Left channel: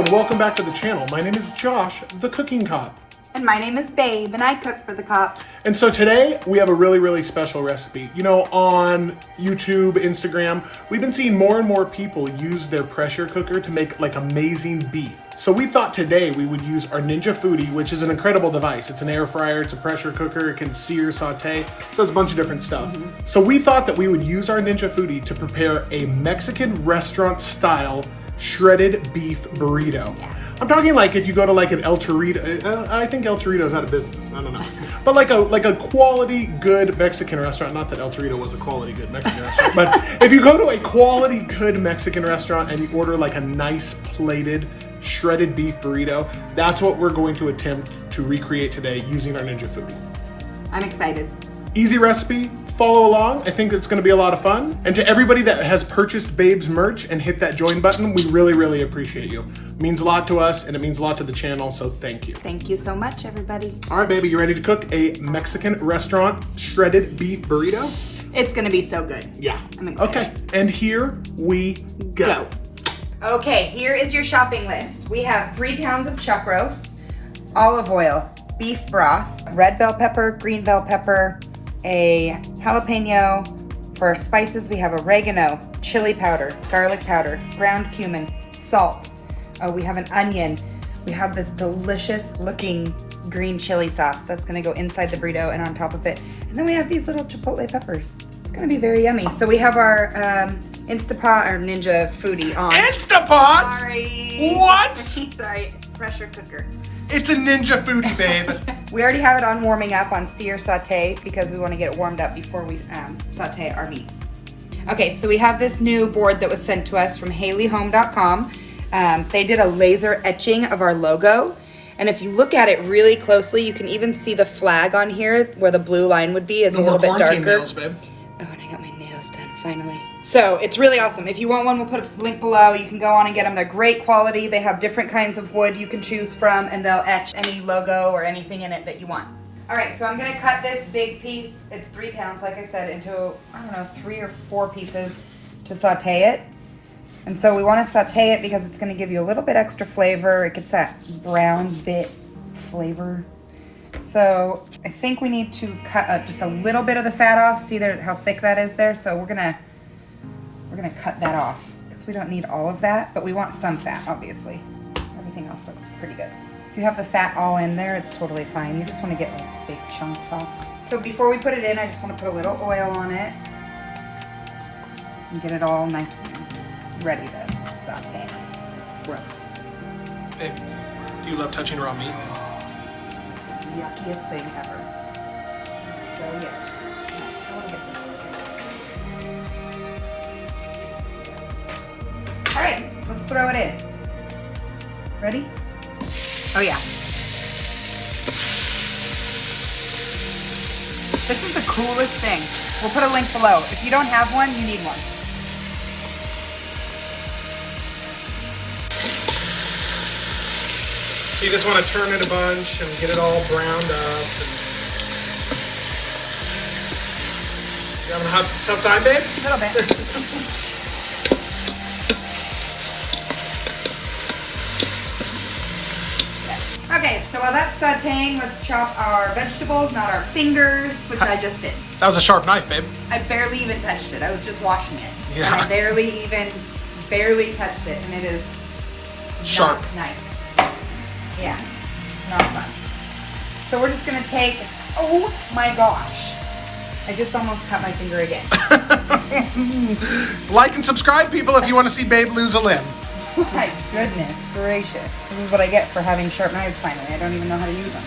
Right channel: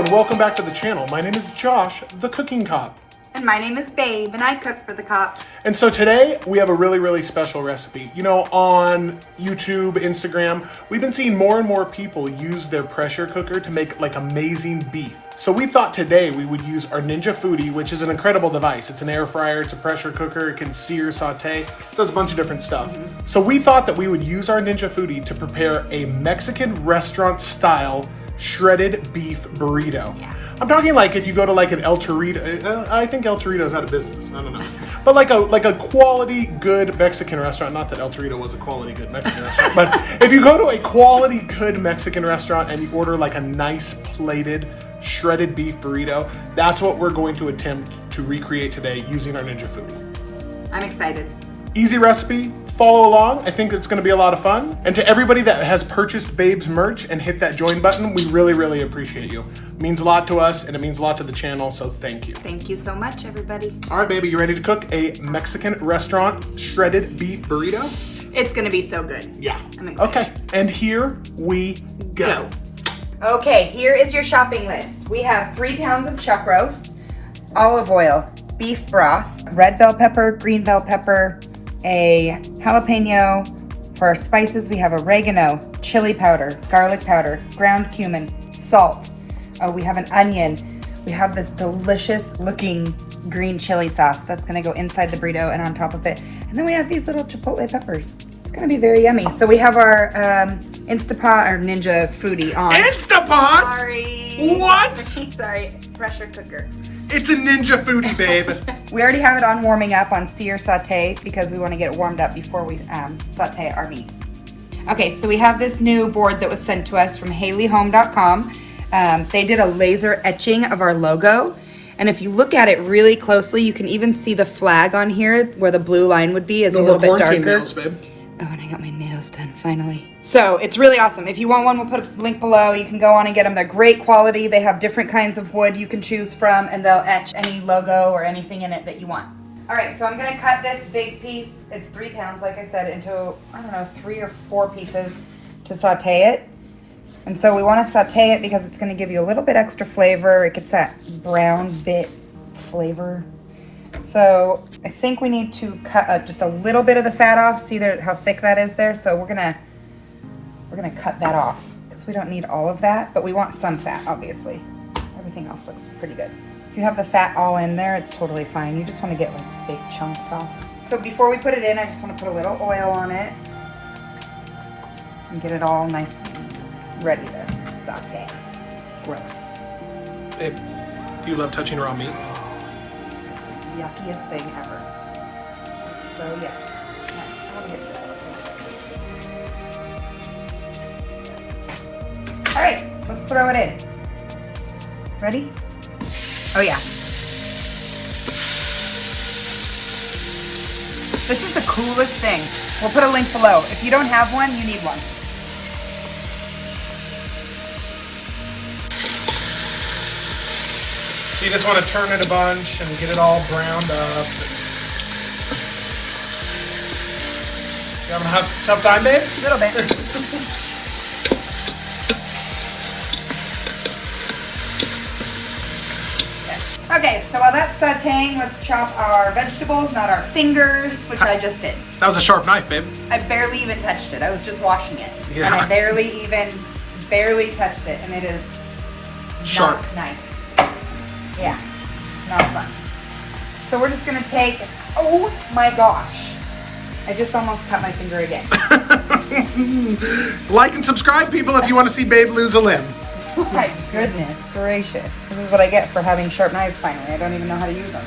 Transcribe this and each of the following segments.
and welcome back to the channel. My name is Josh, the cooking cop. And my name is Babe, and I cook for the cop. And so today we have a really special recipe. You know, on YouTube, Instagram, we've been seeing more and more people use their pressure cooker to make like amazing beef. So we thought today we would use our Ninja Foodi, which is an incredible device. It's an air fryer, it's a pressure cooker, it can sear, saute, does a bunch of different stuff. So we thought that we would use our Ninja Foodi to prepare a Mexican restaurant style shredded beef burrito. Yeah. I'm talking like if you go to like an El Torito, I think El Torito's out of business, I don't know. But like a quality good Mexican restaurant, not that El Torito was a quality good Mexican restaurant, but if you go to a quality good Mexican restaurant and you order like a nice plated shredded beef burrito, that's what we're going to attempt to recreate today using our Ninja Foodi. I'm excited. Easy recipe, follow along. I think it's gonna be a lot of fun. And to everybody that has purchased Babe's merch and hit that join button, we really appreciate you. It means a lot to us and it means a lot to the channel, so thank you. Thank you so much, everybody. All right, baby, you ready to cook a Mexican restaurant shredded beef burrito? It's gonna be so good. Yeah. I'm excited. Okay, and here we go. Okay, here is your shopping list. We have 3 pounds of chuck roast, olive oil, beef broth, red bell pepper, green bell pepper, a jalapeno. For our spices, we have oregano, chili powder, garlic powder, ground cumin, salt. Oh, we have an onion. We have this delicious looking green chili sauce that's gonna go inside the burrito and on top of it. And then we have these little chipotle peppers. It's gonna be very yummy. So we have our Instapot or Ninja Foodi on. Instapot? Sorry. What? Sorry, pressure cooker. It's a Ninja Foodi, babe. We already have it on warming up on sear saute because we want to get it warmed up before we saute our meat. Okay, so we have this new board that was sent to us from HaleyHome.com. They did a laser etching of our logo. And if you look at it really closely, you can even see the flag on here where the blue line would be is a little bit darker. quarantine nails, babe. Oh, and I got my nails done finally. So it's really awesome. If you want one, we'll put a link below. You can go on and get them. They're great quality. They have different kinds of wood you can choose from, and they'll etch any logo or anything in it that you want. All right, so I'm gonna cut this big piece. It's 3 pounds, like I said, into, I don't know, 3 or 4 pieces to saute it. And so we wanna saute it because it's gonna give you a little bit extra flavor. It gets that brown bit flavor. So I think we need to cut just a little bit of the fat off. See there how thick that is there? So we're gonna cut that off because we don't need all of that, but we want some fat, obviously. Everything else looks pretty good. If you have the fat all in there, it's totally fine. You just want to get like big chunks off. So before we put it in, I just want to put a little oil on it and get it all nice and ready to saute. Gross. Babe, do you love touching raw meat? Yuckiest thing ever. It's so yucky. I want to get this. All right, let's throw it in. Ready? Oh yeah. This is the coolest thing. We'll put a link below. If you don't have one, you need one. So you just want to turn it a bunch and get it all browned up. You having a tough time, babe? A little bit. Okay, so while that's sauteing, let's chop our vegetables, not our fingers, which I just did. That was a sharp knife, babe. I barely even touched it. I was just washing it. Yeah. And I barely touched it, and it is Sharp. Not nice. Yeah, not fun. So we're just gonna take, oh my gosh. I just almost cut my finger again. Like and subscribe, people, if you want to see Babe lose a limb. Oh my goodness gracious. This is what I get for having sharp knives finally. I don't even know how to use them.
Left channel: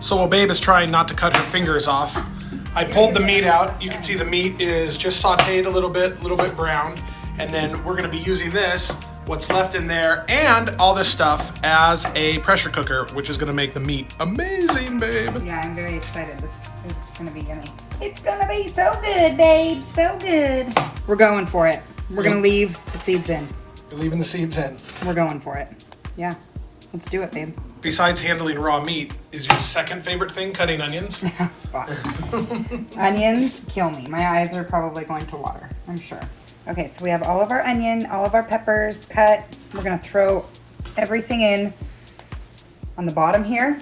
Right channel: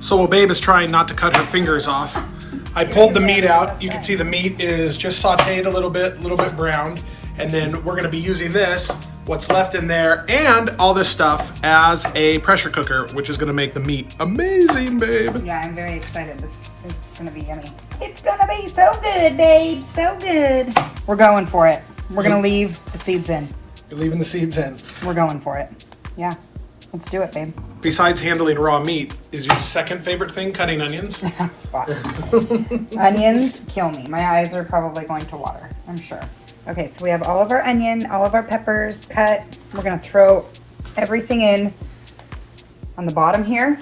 So while Babe is trying not to cut her fingers off, I pulled the meat out. You can see the meat is just sauteed a little bit browned. And then we're gonna be using this, what's left in there, and all this stuff as a pressure cooker, which is gonna make the meat amazing, babe. Yeah, I'm very excited. This is gonna be yummy. It's gonna be so good, babe, so good. We're going for it. We're gonna leave the seeds in. You're leaving the seeds in. We're going for it. Yeah, let's do it, babe. Besides handling raw meat, is your second favorite thing cutting onions? Onions kill me. My eyes are probably going to water, I'm sure. Okay, so we have all of our onion, all of our peppers cut. We're gonna throw everything in on the bottom here,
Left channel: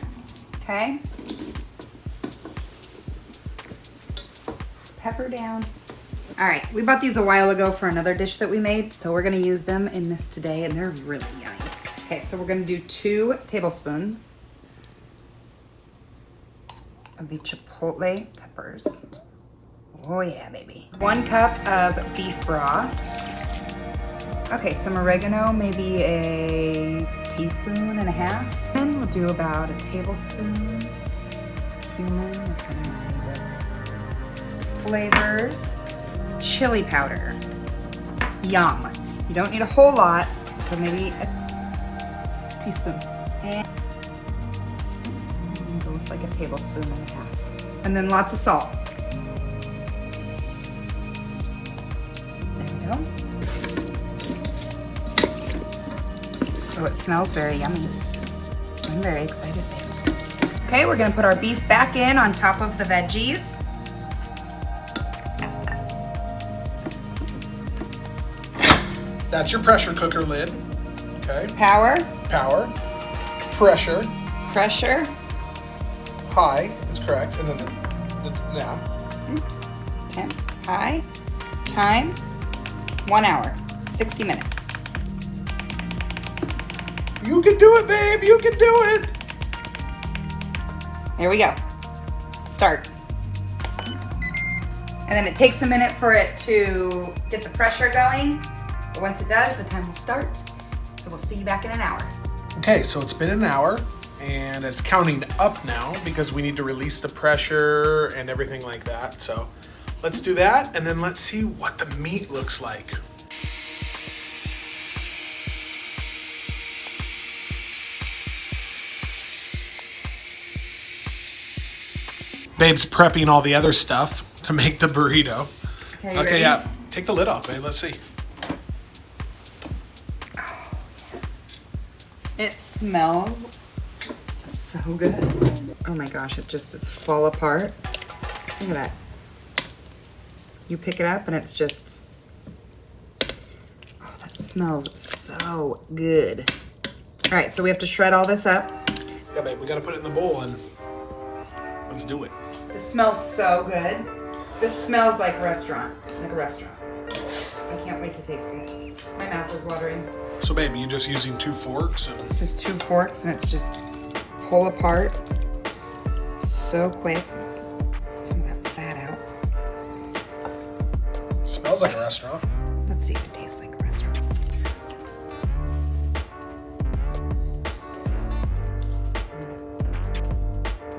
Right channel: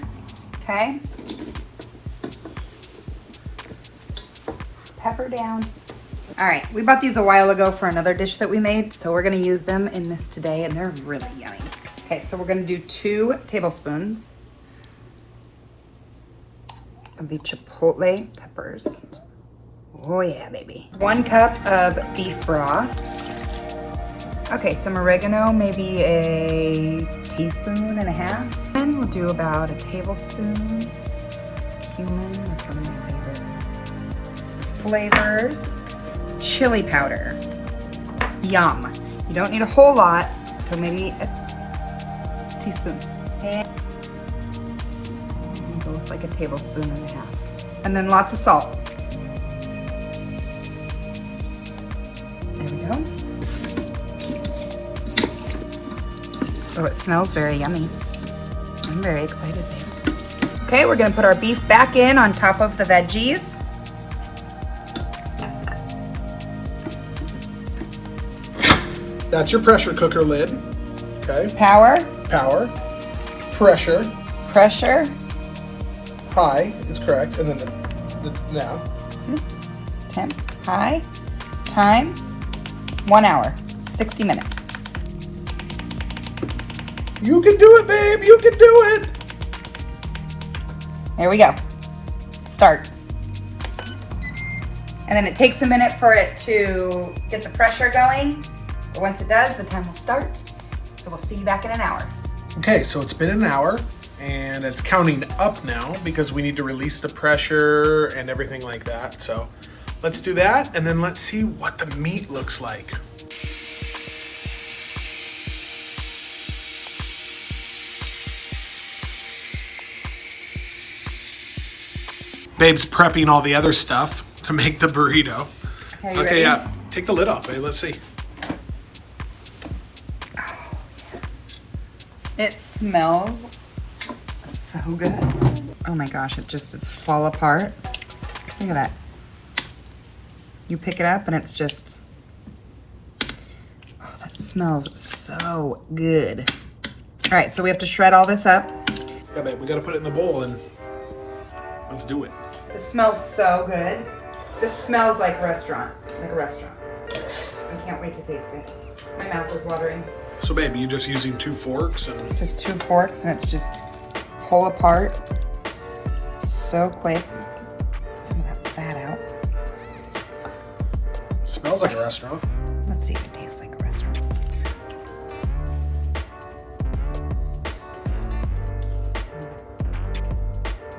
okay? Pepper down. All right, we bought these a while ago for another dish that we made, so we're gonna use them in this today, and they're really yummy. Okay, so we're gonna do 2 tablespoons of the chipotle peppers. Oh yeah, baby. 1 cup of beef broth. Okay, some oregano, maybe a teaspoon and a half. And we'll do about a tablespoon. Cumin, that's my favorite. Flavors. Chili powder. Yum. You don't need a whole lot, so maybe a teaspoon. And like a tablespoon and a half. And then lots of salt. Oh, it smells very yummy. I'm very excited. Okay, we're gonna put our beef back in on top of the veggies. That's your pressure cooker lid. Okay. Power. Power. Pressure. Pressure. High is correct. And then the now. Oops. Temp. High. Time. 1 hour. 60 minutes. You can do it, babe. You can do it. There we go. Start. And then it takes a minute for it to get the pressure going. But once it does, the time will start. So we'll see you back in an hour. Okay, so it's been an hour and it's counting up now because we need to release the pressure and everything like that. So let's do that and then let's see what the meat looks like. Babe's prepping all the other stuff to make the burrito. Okay, yeah. Take the lid off, babe. Let's see. It smells so good. Oh my gosh, it just is fall apart. Look at that. You pick it up and it's just, oh, that smells so good. All right, so we have to shred all this up. Yeah, babe, we gotta put it in the bowl and let's do it. It smells so good. This smells like a restaurant. I can't wait to taste it. My mouth is watering. So babe, you're just using 2 forks and... Just 2 forks and it's just pull apart so quick. Some of that fat out. Smells like a restaurant. Let's see if it tastes like a restaurant.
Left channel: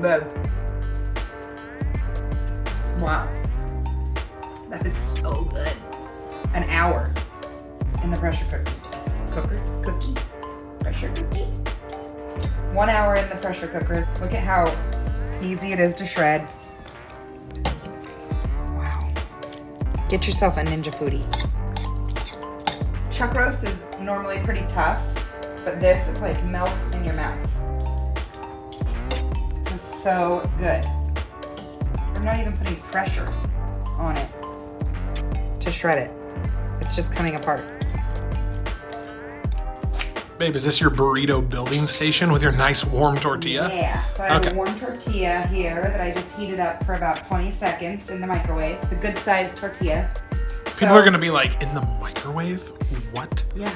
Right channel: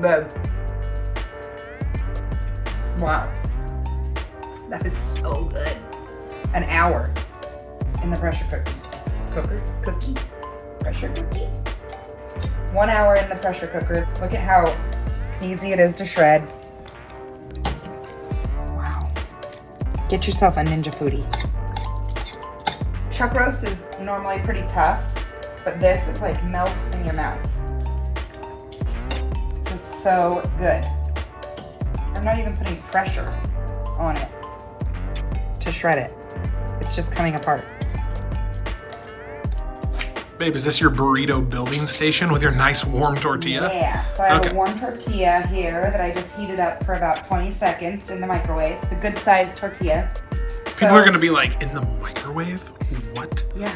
Babe. Wow. That is so good. An hour in the pressure cookie. Pressure cookie. 1 hour in the pressure cooker. Look at how easy it is to shred. Wow. Get yourself a Ninja Foodi. Chuck roast is normally pretty tough, but this is like melt in your mouth. This is so good. I'm not even putting pressure on it to shred it. It's just coming apart. Babe, is this your burrito building station with your nice warm tortilla? Yeah, so I have a warm tortilla here that I just heated up for about 20 seconds in the microwave. The good sized tortilla. People are gonna be like, in the microwave? What? Yeah.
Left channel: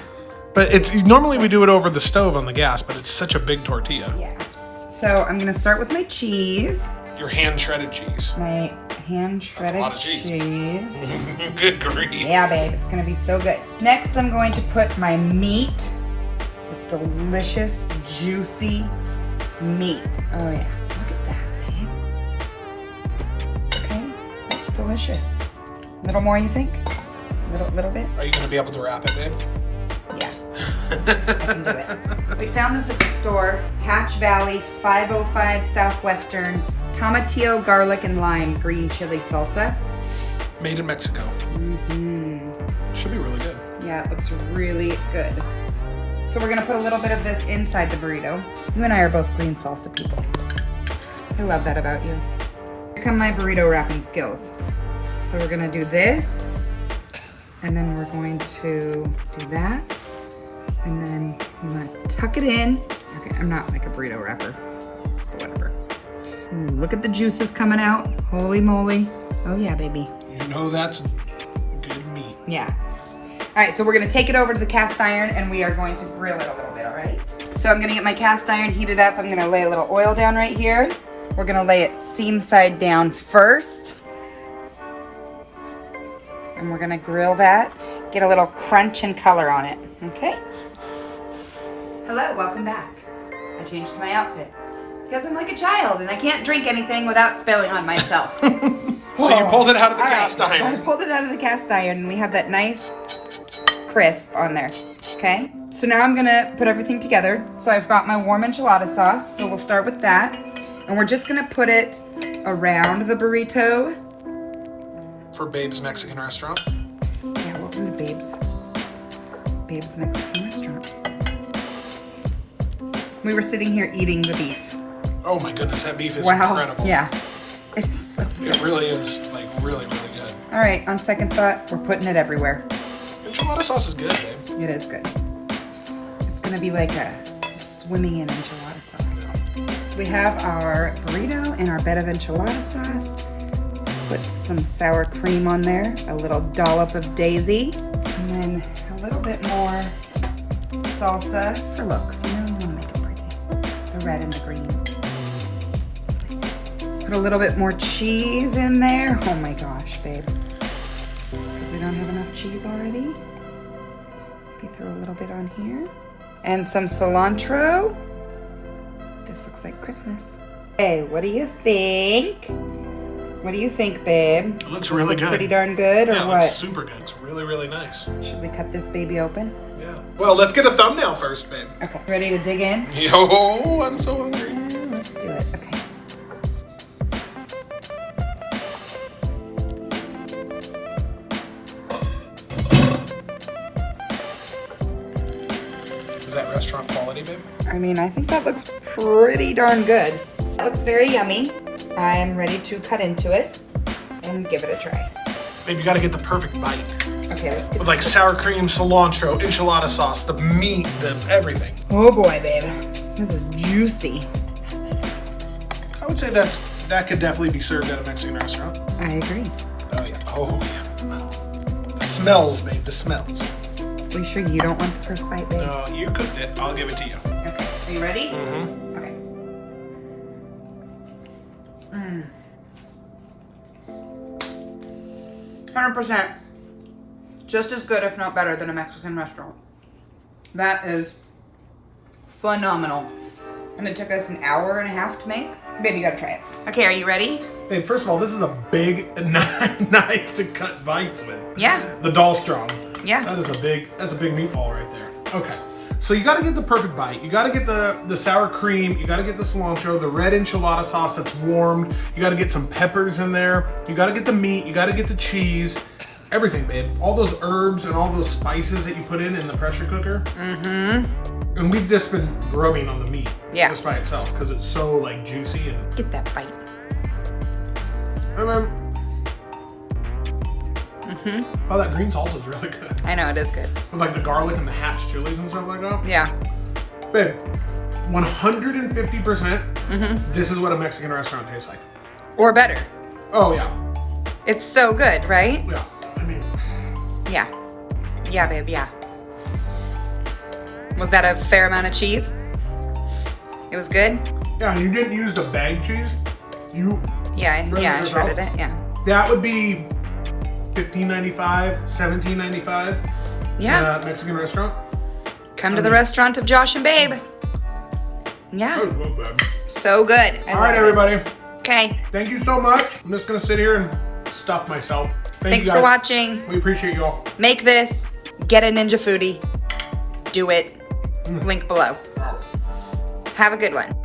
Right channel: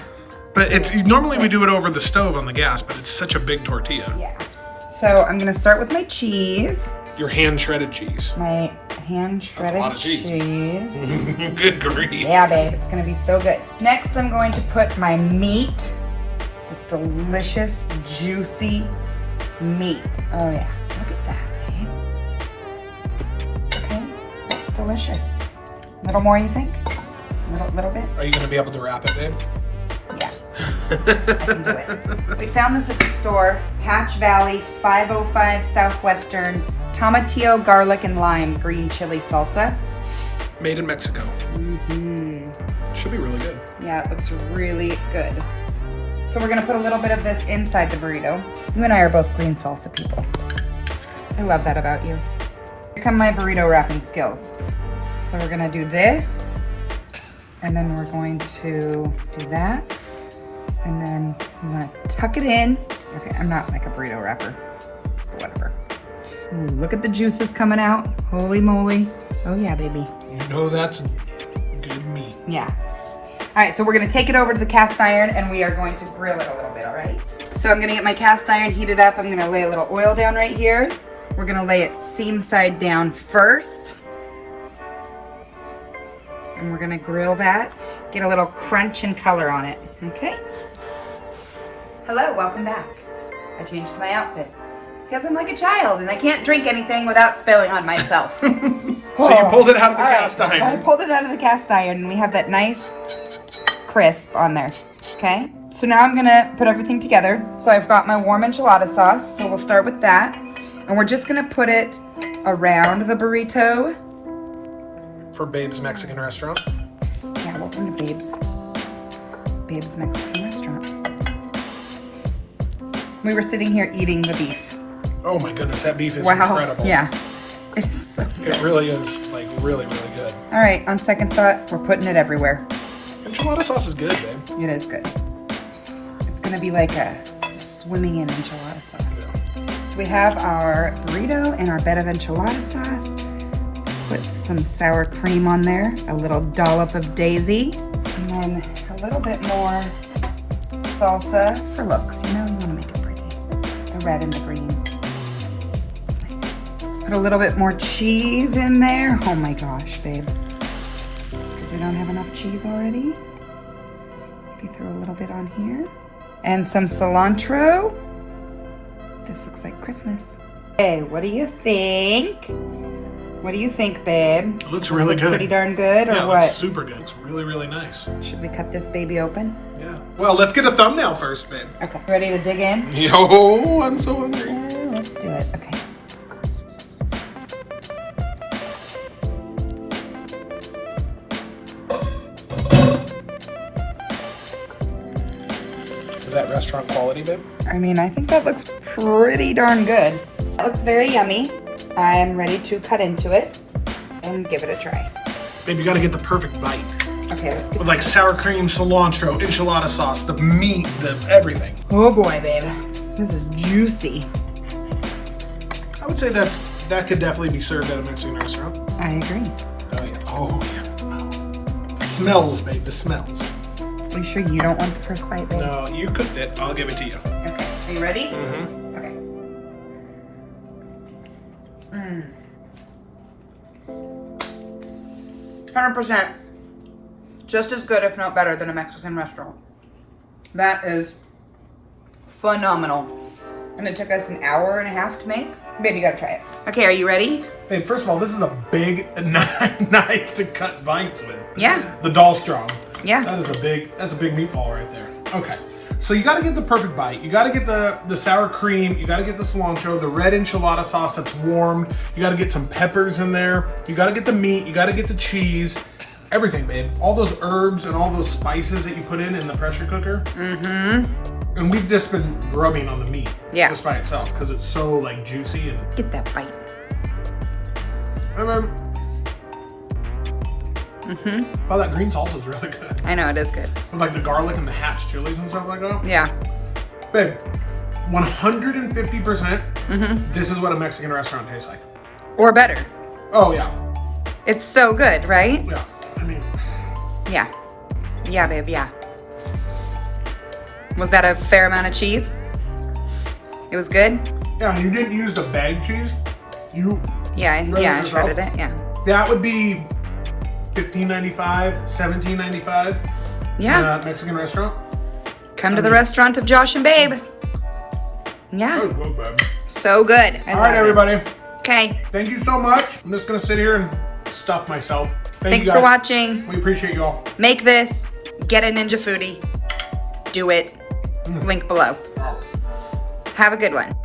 But it's normally we do it over the stove on the gas, but it's such a big tortilla. Yeah. So I'm gonna start with my cheese. Your hand shredded cheese. My hand shredded cheese. Good grief. Yeah, babe, it's gonna be so good. Next, I'm going to put my meat. This delicious, juicy meat. Oh yeah, look at that, babe. Okay, that's delicious. A little more, you think? Little bit? Are you gonna be able to wrap it, babe? Yeah, I can do it. We found this at the store, Hatch Valley 505 Southwestern Tomatillo Garlic and Lime Green Chili Salsa. Made in Mexico. Mm-hmm. Should be really good. Yeah, it looks really good. So we're gonna put a little bit of this inside the burrito. You and I are both green salsa people. I love that about you. Here come my burrito wrapping skills. So we're gonna do this And then we're going to do that. And then I'm gonna tuck it in. Okay, I'm not like a burrito wrapper, whatever. Ooh, look at the juices coming out. Holy moly. Oh yeah, baby. You know that's good meat. Yeah. All right, so we're gonna take it over to the cast iron and we are going to grill it a little bit, all right? So I'm gonna get my cast iron heated up. I'm gonna lay a little oil down right here. We're gonna lay it seam side down first. And we're gonna grill that, get a little crunch and color on it, okay? Hello, welcome back. I changed my outfit because I'm like a child and I can't drink anything without spilling on myself. So you pulled it out of the cast iron. So I pulled it out of the cast iron and we have that nice crisp on there, okay? So now I'm gonna put everything together. So I've got my warm enchilada sauce, so we'll start with that. And we're just gonna put it around the burrito. For Babe's Mexican restaurant. Yeah, welcome to Babe's Mexican restaurant. We were sitting here eating the beef. Oh my goodness, that beef is incredible. Yeah, it's so good. It really is, like, really, really good. All right, on second thought, we're putting it everywhere. Enchilada sauce is good, babe. It is good. It's gonna be like a swimming in enchilada sauce. So we have our burrito and our bed of enchilada sauce. Put some sour cream on there, a little dollop of daisy, and then a little bit more salsa for looks. You know, you wanna make it pretty. The red and the green. It's nice. Let's put a little bit more cheese in there. Oh my gosh, babe. Because we don't have enough cheese already. Maybe throw a little bit on here. And some cilantro. This looks like Christmas. Hey, what do you think? What do you think, babe? It looks really good. Pretty darn good, Yeah, or it what? looks super good. It's really, really nice. Should we cut this baby open? Yeah. Well, let's get a thumbnail first, babe. Okay. Ready to dig in? Yo, I'm so hungry. Let's do it. Okay. Is that restaurant quality, babe? I mean, I think that looks pretty darn good. It looks very yummy. I'm ready to cut into it and give it a try. Babe, you gotta get the perfect bite. Okay, let's get With like sour cream, cilantro, enchilada sauce, the meat, the everything. Oh boy, babe. This is juicy. I would say that could definitely be served at a Mexican restaurant. I agree. Oh yeah. Oh yeah. The smells, babe, the smells. Are you sure you don't want the first bite, babe? No, you cooked it. I'll give it to you. Okay. Are you ready? Mm-hmm. Okay. 100%. Just as good, if not better, than a Mexican restaurant. That is phenomenal. And it took us an hour and a half to make. Baby, you gotta try it. Okay, are you ready? Babe, first of all, this is a big knife to cut bites with. Yeah. The Doll Strong. Yeah. That's a big meatball right there. Okay. So you gotta get the perfect bite. You gotta get the sour cream, you gotta get the cilantro, the red enchilada sauce that's warmed, you gotta get some peppers in there, you gotta get the meat, you gotta get the cheese, everything, babe. All those herbs and all those spices that you put in the pressure cooker. Mm-hmm. And we've just been rubbing on the meat. Yeah. Just by itself, because it's so like juicy and Get that bite. and then oh, that green salsa is really good. I know, it is good. With like the garlic and the hatch chilies and stuff like that. Yeah. Babe, 150%, this is what a Mexican restaurant tastes like. Or better. Oh, yeah. It's so good, right? Yeah. I mean, Yeah. Yeah, babe, yeah. Was that a fair amount of cheese? It was good? yeah, you didn't use the bag cheese. You, Yeah, I yourself? shredded it, yeah. that would be $15.95, $17.95 Yeah. in a Mexican restaurant. Come to the restaurant of Josh and Babe. Yeah. That was good, babe. So good. All right, everybody. Okay. Thank you so much. I'm just going to sit here and stuff myself. Thanks you for guys. watching. We appreciate you all. Make this. Get a Ninja Foodi. Do it. Link below. Have a good one.